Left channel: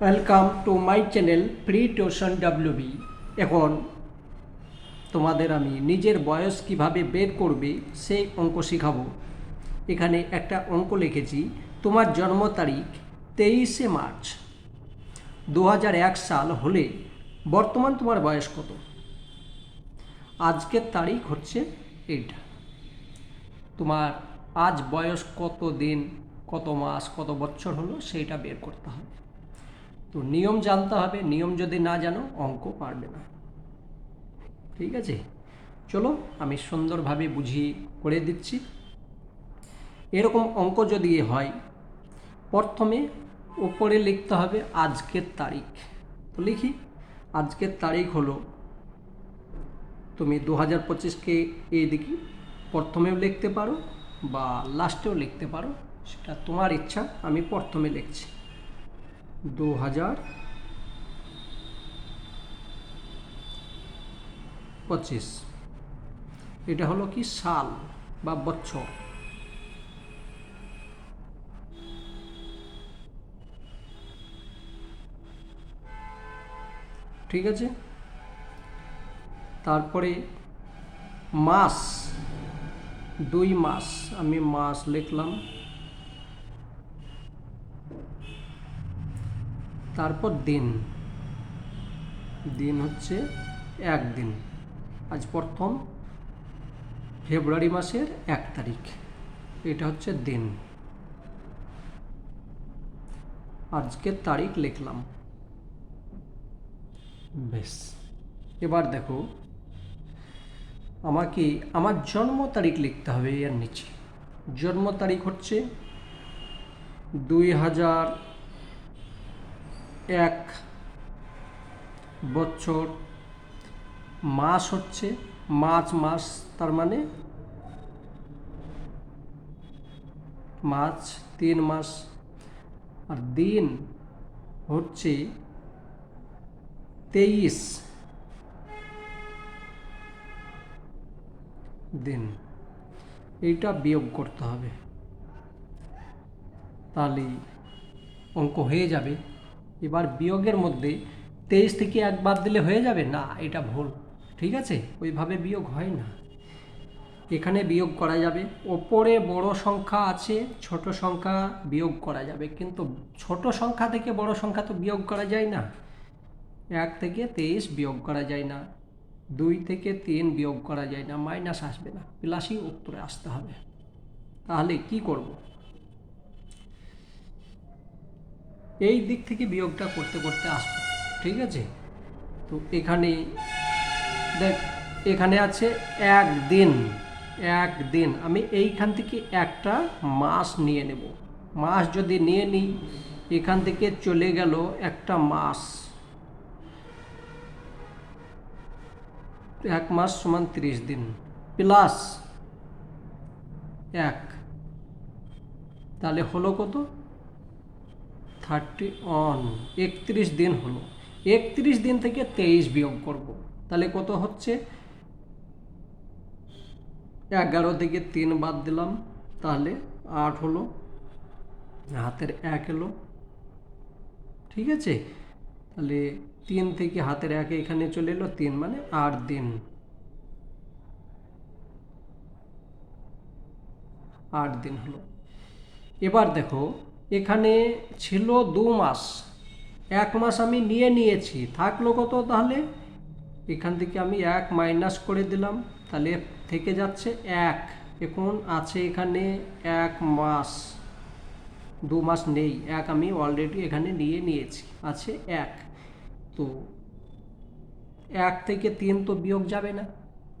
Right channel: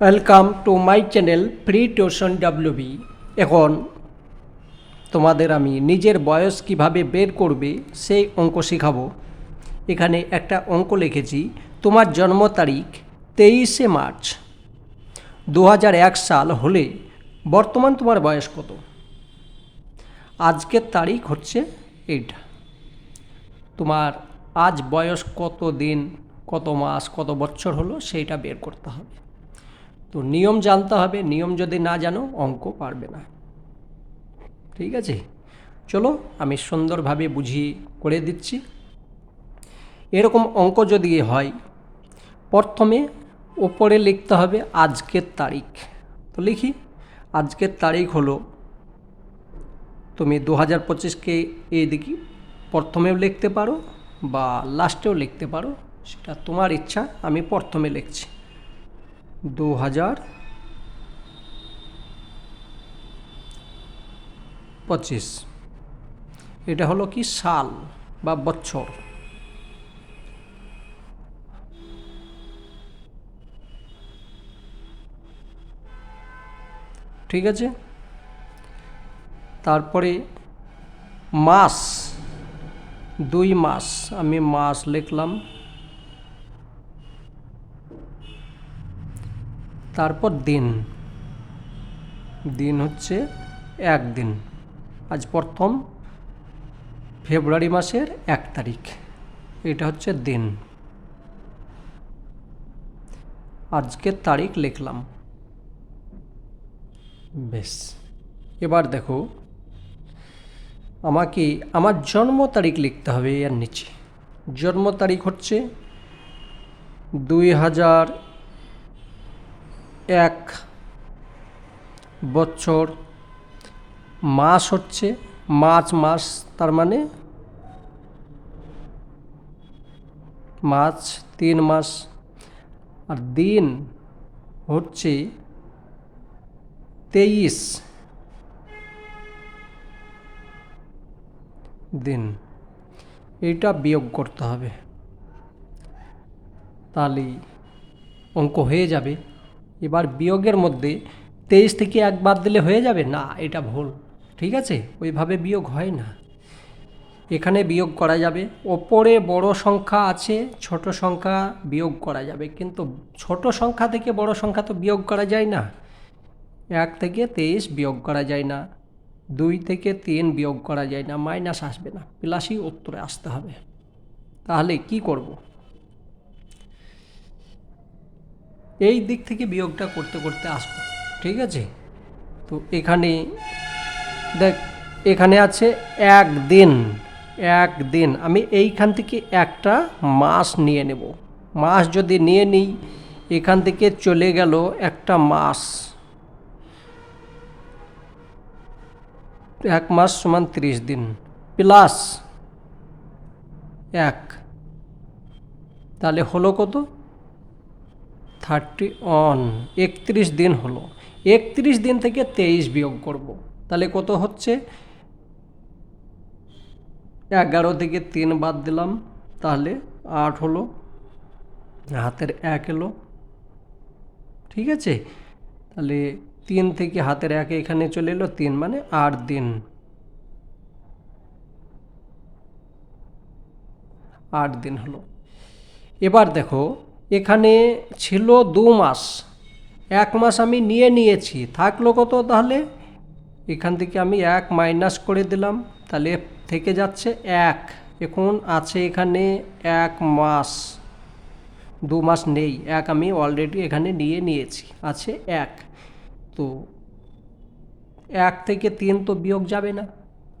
Welcome to my channel free tuition WB. এখন তোমাদের আমি নিজের বয়স কিভাবে বের করবে সেই অঙ্ক শেখাবো। এখানে একটা অঙ্ক লিখেছি, তোমার জন্ম তারিখ 23শে মার্চ 2001 সাল হলে বর্তমান তোমার বয়স কত। আজকের তারিখ হচ্ছে এইটা, তোমার আজ বয়স কত দিন, কত মাস, কত বছর হলো সেইটা বের করতে হবে। তো নিয়ম জানতে হবে, নিয়ম যদি না জানো অঙ্ক পারবে না। ঠিক আছে, চলো আমি সুন্দরভাবে বুঝিয়ে করে দিচ্ছি। এরকম অঙ্ক যদি হয়, প্রথমে ওপরে লিখতে হবে আজকের তারিখ। তো লিখি, আজকের তারিখ হলো, তুমি 2025কে এইদিকে প্রথমেও লিখতে পারো বা লাস্টেও লিখতে পারো, সেটা তোমার ইচ্ছা। আমি প্রথমে লিখছি 2025। এটা হলো কি সাল বা বছর। ঠিক আছে, তারপরে মাস, 2 মাস, আমি মাস লিখলাম। তারপর দিন, দিন হচ্ছে একদিন। আজ প্রথম ফেব্রুয়ারি মাসের 1 তারিখ, এটা হচ্ছে দিন। আজকের তারিখ লিখলাম, বেশ। এবার দেখো, আমাকে আমার জন্ম তারিখ লিখতে হবে এর নিচে। জন্ম তারিখ হচ্ছে 2001, বছর, মাস হচ্ছে মার্চ মাস, তার মানে মার্চ 3 মাস। আর দিন হচ্ছে 23 দিন। এইটা বিয়োগ করতে হবে, তাহলে অঙ্ক হয়ে যাবে। এবার বিয়োগের মধ্যে 23 থেকে 1 বাদ দিলে হয়ে যাবে না, এটা ভুল। ঠিক আছে, ওইভাবে বিয়োগ হয় না। এখানে বিয়োগ করা যাবে, ওপরে বড় সংখ্যা আছে, ছোট সংখ্যা বিয়োগ করা যাবে, কিন্তু ছোট সংখ্যা থেকে বড় সংখ্যা তো বিয়োগ করা যায় না। 1 থেকে 23 বিয়োগ করা যায় না, 2 থেকে 3 বিয়োগ করা যায় না, মাইনাস আসবে না, প্লাসই উত্তরে আসতে হবে। তাহলে কি করব, এই দিক থেকে বিয়োগটা করতে করতে আসবো। ঠিক আছে, তো এখানে দেখ, এখানে আছে একদিন। একদিন আমি এইখান থেকে একটা মাস নিয়ে নেব। মাস যদি নিয়ে নিই, এখান থেকে চলে গেল একটা মাস। 1 মাস সমান 30 দিন, প্লাস 1, তাহলে হলো কত, 31, 31 দিন হলো। 31 দিন থেকে 23 বিয়োগ করব, তাহলে কত হচ্ছে, 11 থেকে 3 বাদ দিলাম, তাহলে 8 হলো, হাতের 1 এলো। ঠিক আছে, তাহলে 3 থেকে হাতের 1 এখানে চলে এলো, 3 মানে 8 দিন। 8 দিন হলো। এবার দেখো, এখানে ছিল 2 মাস, 1 মাস আমি নিয়ে নিয়েছি, থাকলো কত, তাহলে এখান থেকে আমি 1 মাইনাস করে দিলাম, তাহলে থেকে যাচ্ছে 1। এখন আছে এখানে 1 মাস, 2 মাস নেই, 1 আমি অলরেডি এখানে নিয়ে নিয়েছি, আছে 1। তো 1 থেকে 3 তো বিয়োগ যাবে না,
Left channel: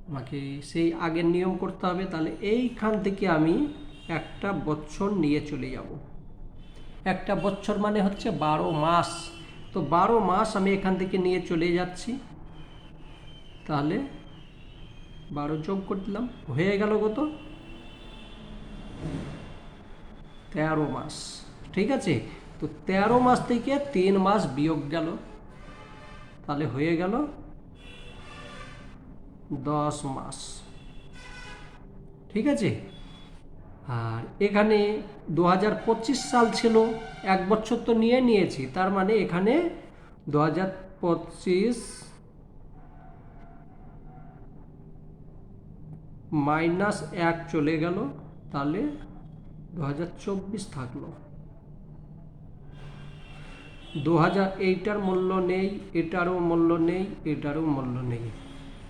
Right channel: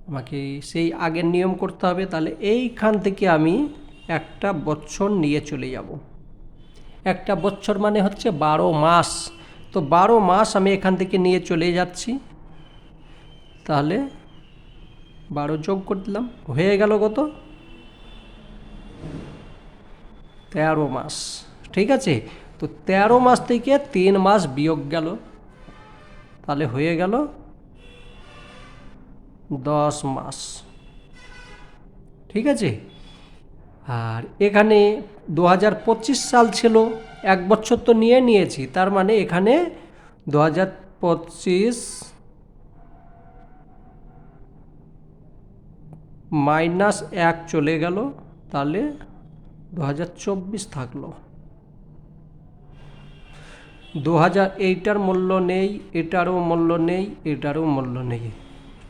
আমাকে সেই আগের নিয়ম করতে হবে। তাহলে এইখান থেকে আমি একটা বছর নিয়ে চলে যাব। একটা বছর মানে হচ্ছে 12 মাস। তো 12 মাস আমি এখান থেকে নিয়ে চলে যাচ্ছি, তাহলে 12 যোগ করে দিলাম, হয়ে গেল কত, 13 মাস। ঠিক আছে, তো 13 মাস থেকে 3 মাস বিয়োগ গেল, তাহলে হয়ে গেল 10 মাস। ঠিক আছে, আর এখানে 2025 সাল ছিল, 1 বছর তো নিয়েছি, তার মানে এখানে 2025 -1 চলে গেল, তাহলে 2024 থাকলো। 2000 এইটার মূল্য নেই, এটারও মূল্য নেই, এটারও মূল্য নেই,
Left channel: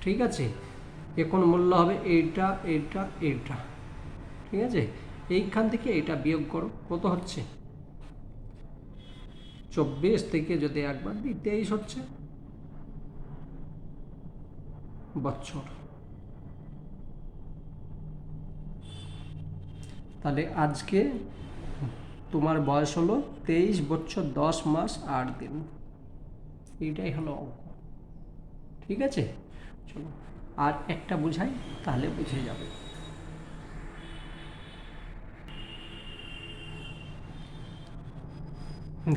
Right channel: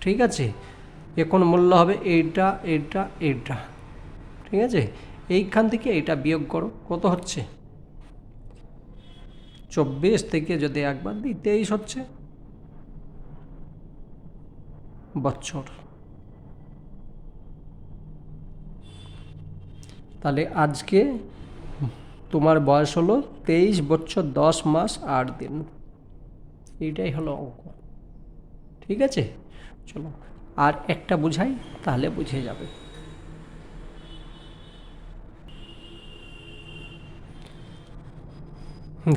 ঠিক আছে। এখন মূল্য হবে এইটা, এইটা, এইটা, ঠিক আছে। এইখান থেকে এইটা বিয়োগ করো, কত হচ্ছে? 24 থেকে যদি একবার দিই 23 হচ্ছে বছর। তাহলে আজকে তোমার বয়স হলো 23 বছর 10 মাস 8 দিন। এইটাই হলো অঙ্ক, ঠিক আছে। চলো আর একটা বুঝাই, তাহলে বুঝে যাবে।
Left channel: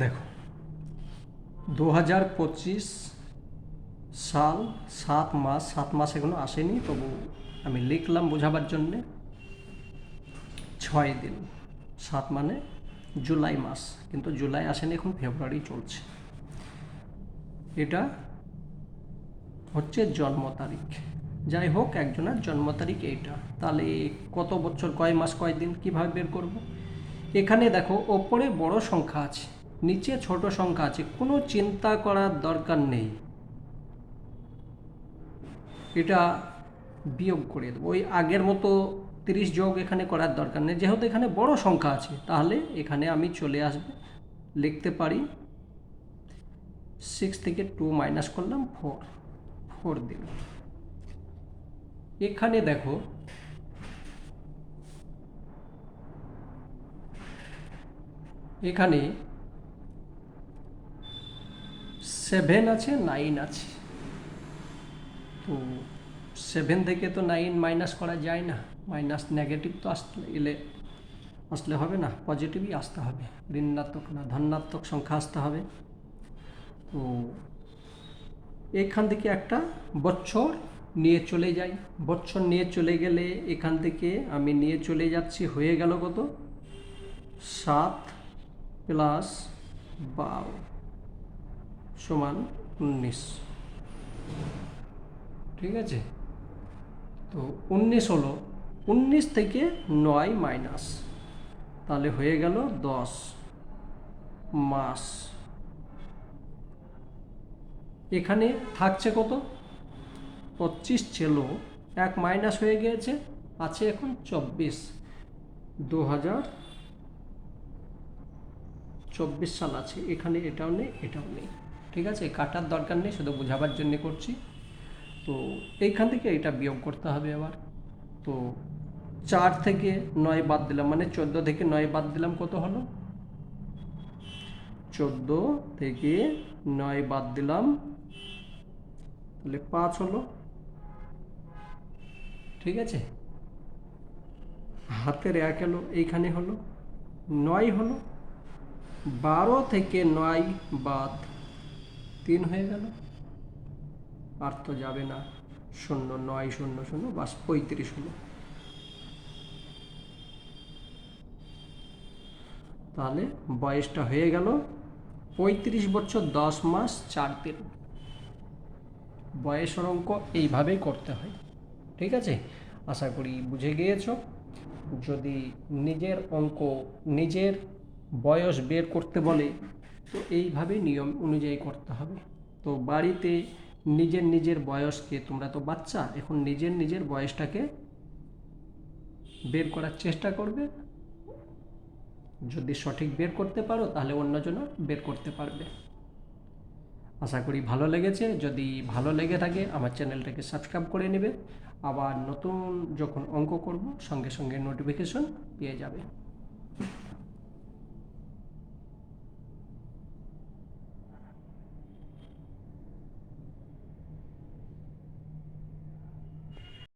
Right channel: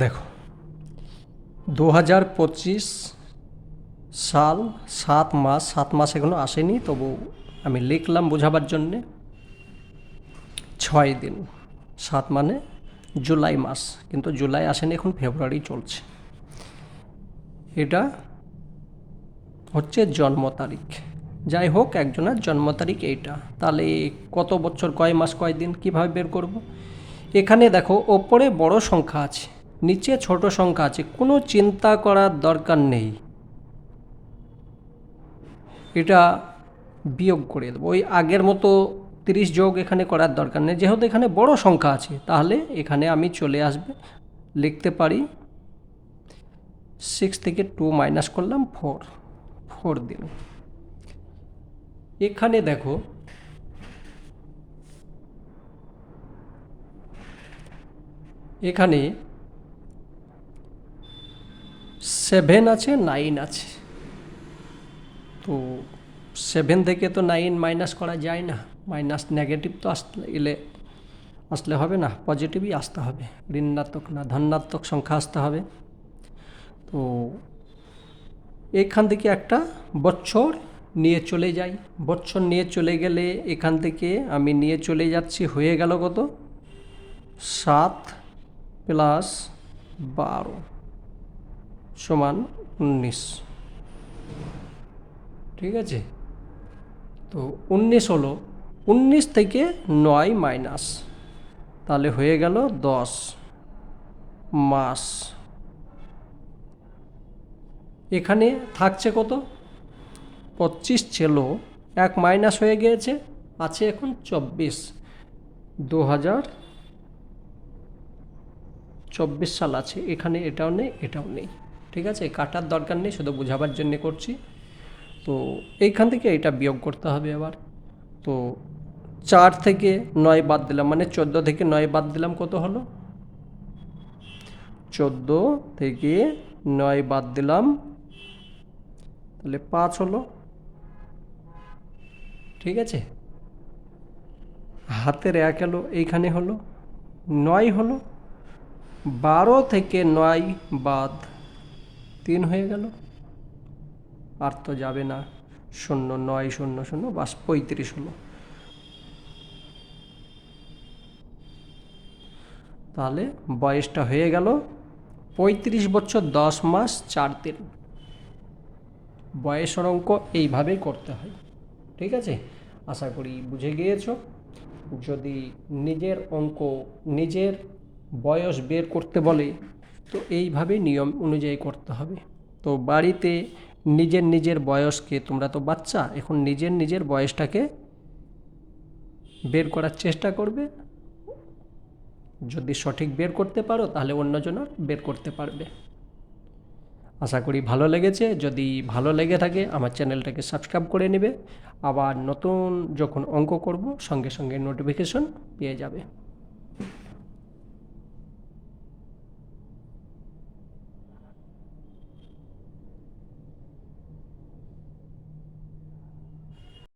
দেখো 2025 সাল 7 মাস এখনো আসেনি, তবু আমি লিখলাম বোঝাবার জন্যে। 6 দিন, 7 মানে জুলাই মাস, কিন্তু জুলাই আসেনি, এখন ফেব্রুয়ারি চলছে। এটা হচ্ছে জন্ম তারিখ, যাই হোক একজনের জন্ম তারিখ এইটা। তাহলে কত বছর, কয় মাস, কয় দিন, কীভাবে বের করব? এখানে দেখো ওপরে বড় সংখ্যা আছে, নিচে ছোট সংখ্যা আছে, কোনো চিন্তা করার দরকার নেই। এটা বিয়োগ করে দেবো, ওই আগের মতো 30 যোগ এখানে করার দরকার নেই, যেহেতু এখানে বড় সংখ্যা আছে। তাহলে এখানে আমি চলে আসবে, লিখতে পারি 6 থেকে 2 মাইনাস করলাম 4 দিন। এখানে দেখো এখানে 7 আছে, 9 আছে, তো 7 থেকে তো 9 মাইনাস করা যায় না, মাইনাস নেগেটিভ তো আসলে হবে না, পজিটিভই আসতে হবে, ঋণাত্মক না ধনাত্মক সংখ্যা আসতে হবে। তো এখান থেকে একটা বছর নিয়ে চলে যাই, বছর নিয়ে চলে গেলে এখান থেকে আমি নিয়ে চলে যাচ্ছি, হয়ে গেল কত? 7 + 12 সমান 19, ঠিক আছে। তো 19 হলো, 19 থেকে 9 মাইনাস, তাহলে হয়ে গেল 10 মাস। এখানে থাকছে কত? 25 ছিল, 1 মাইনাস হয়ে গিয়েছে, আছে এখন 24। 2024 সাল আছে এখানে, এটাও নেই, এটাও নেই, ঠিক আছে। কাটার দরকার নেই, শুধু বোঝাবার জন্য করছি। তো এইখান থেকে এটা বিয়োগ করতে হবে আবার। তো 4 থেকে 9 বাদ দিলাম, মানে 14 থেকে 9 বাদ দিলাম, কত হলো? 14 থেকে 9 বাদ দিলাম, তাহলে 5 হলো, ঠিক আছে। হাতের 1 এলো, এইখানে হলো 9 হলো, 12 থেকে 9 বাদ 3 হয়ে গেল, আর তো যাবে না, 0 9 0 0 বাস 35 হলো। তাহলে বয়সটা হয়ে গেল 35 বছর 10 মাস 4 দিন। বয়সের অঙ্ক এইভাবেই করতে হয়, ঠিক আছে। আশা করি বুঝে গিয়েছো। যদি নিজের অঙ্ক, নিজের বয়স বের করতে বলে, তো এইভাবে নিয়ম অনুযায়ী করতে হবে। তো বাড়িতে নিজের বয়সকে, তোমরা তো বাচ্চা, এখন নিজের বয়সটাকে বের করার চেষ্টা করবে। যদি সঠিক বের করতে পারো, তাহলে অন্যজনও বের করতে পারবে। আশা করি ভালো লেগেছে। যদি ভালো লেগে থাকে আমার চ্যানেলটাকে সাবস্ক্রাইব করে নেবে, আবার নতুন যখন অঙ্ক করব সঙ্গে সঙ্গে নোটিফিকেশন পেয়ে যাবে।